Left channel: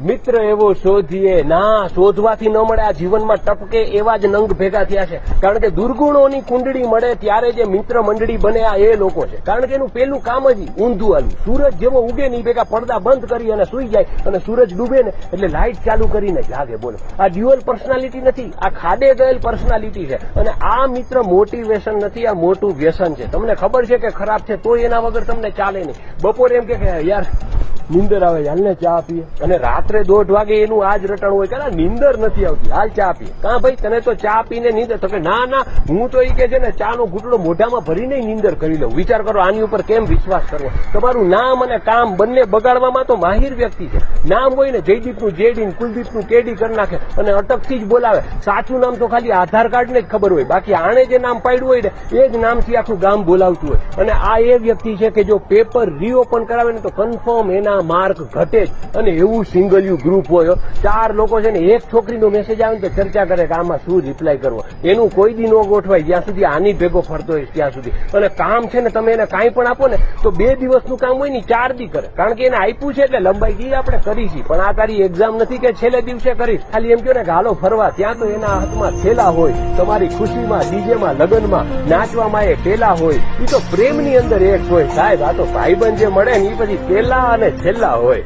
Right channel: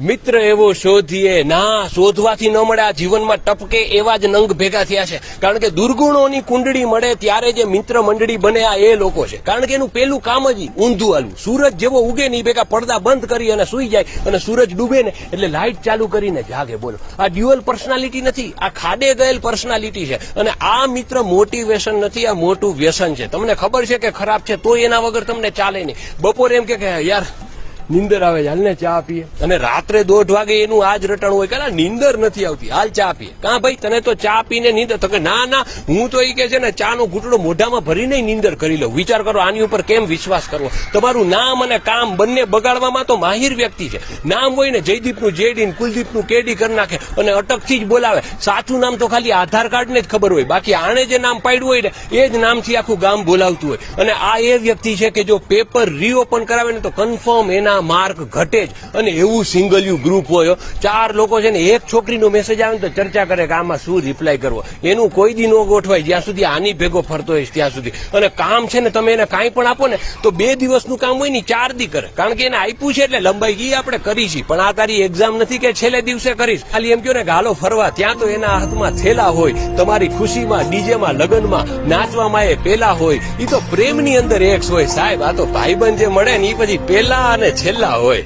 મિત્ર એવો શોધીએ, ના, શોધવાથી ન મળે જીવનમાં ટપકે એવા જ નંગ ભેગા થયા છે. કારણ કે દુર્ગુણોની કુંડળી મળે ત્યારે જે મિત્ર મંડળી બને, આ એ લોકો છે. કારણ કે એનું પેલું કામ જ ઊંધું આલું. સૂરજ જેવો ઉગે ને ભેગા પડદા બંધ કરી અને સુઈ જાય અને સૂરજ ડૂબે ને એટલે લાઇટ ચાલુ કરીને જાગે, બોલો. આ ડ્યુઅલ પર્સનાલિટી નથી, આ ખાડે ગયેલ પર્સનાલિટી છે. અને આ મિત્ર મોટિવેશન નથી, આ મોટું વ્યસન છે. તમને ખબર છે કે ખરાબ છે તો એના વગર તમને ચાલે નહીં. બપોરે એમ કે, યાર નીંદર આવે છે, હાલને ચા પીએ. અને રાત્રે દોઢ વાગે એનું આજ રટણ હોય કે નીંદર નથી આવતી. હાલ ચા પીએ. કા ભાઈ તને તો ચા પીને નીંદર તો કે ના ના હું તો એ કે છે ને ચા નું ઘૂંટડું મોઢામાં ભરીને નીંદર કરી લઉં. વિચાર કરો આની ઉપર કેમ વિશ્વાસ કરવો? તમારું નામ અને કામ બંને બગાડવામાં તો માહિર વ્યક્તિ છે. નામ હોય ને જયદીપનું જેડી કુલદીપ કુલદીપનું કેડી કરી નાખે અને અટકથી જ બોલાવે. સાચું નામ તો ખાલી આધાર કાર્ડ ને જ ખબર હોય. બાકી આણે જે નામ પાડ્યું હોય ને એ જ નામથી આખું ગામ બોલાવતું હોય. અને આ એ વ્યક્તિ છે કે જો પેપર રીઓપન કરાવે ને તો કન્ફર્મ એના માર્ક ઘટે જ. અને એવું સિંગલ ગ્રુપ હોય ચાર લોકો છે ને, એક છોકરીનો મેસેજ આવે ને તો ચર્ચા કરે કે આમાં શું રિપ્લાય કરવો. એનું કોઈ દી ન ગોઠવાય. જ્યાં સુધી આની ભેગો ફરતો હોય ત્યાં સુધી. અને કામ છે ને, તમે એને કાંઈ પણ આપો ને, તો બે દિવસનું કામ હોય ને ચાર દી કરે. કારણ કે એને આપ્યું છે એટલે લંબાઈ ગઈ આપણે કરી છે. પણ આ તારી એક્ઝામ નથી કે છેલ્લે દિવસે કરીશ. ખાલી એમ કહો ને હાલો ફરવા. ત્યાં તો એના હાથમાં થેલા હોય. તમારી ખુશીમાં, ડીજેમાં, લગ્નમાં, નાચવામાં એ પેલા હોય. એ તો પ્રેમની અંદર એક્સ હોય. સાહેબ, આ તો ભાઈબંધ જે મળે ને એ પછી પેલા અને છેલ્લા હોય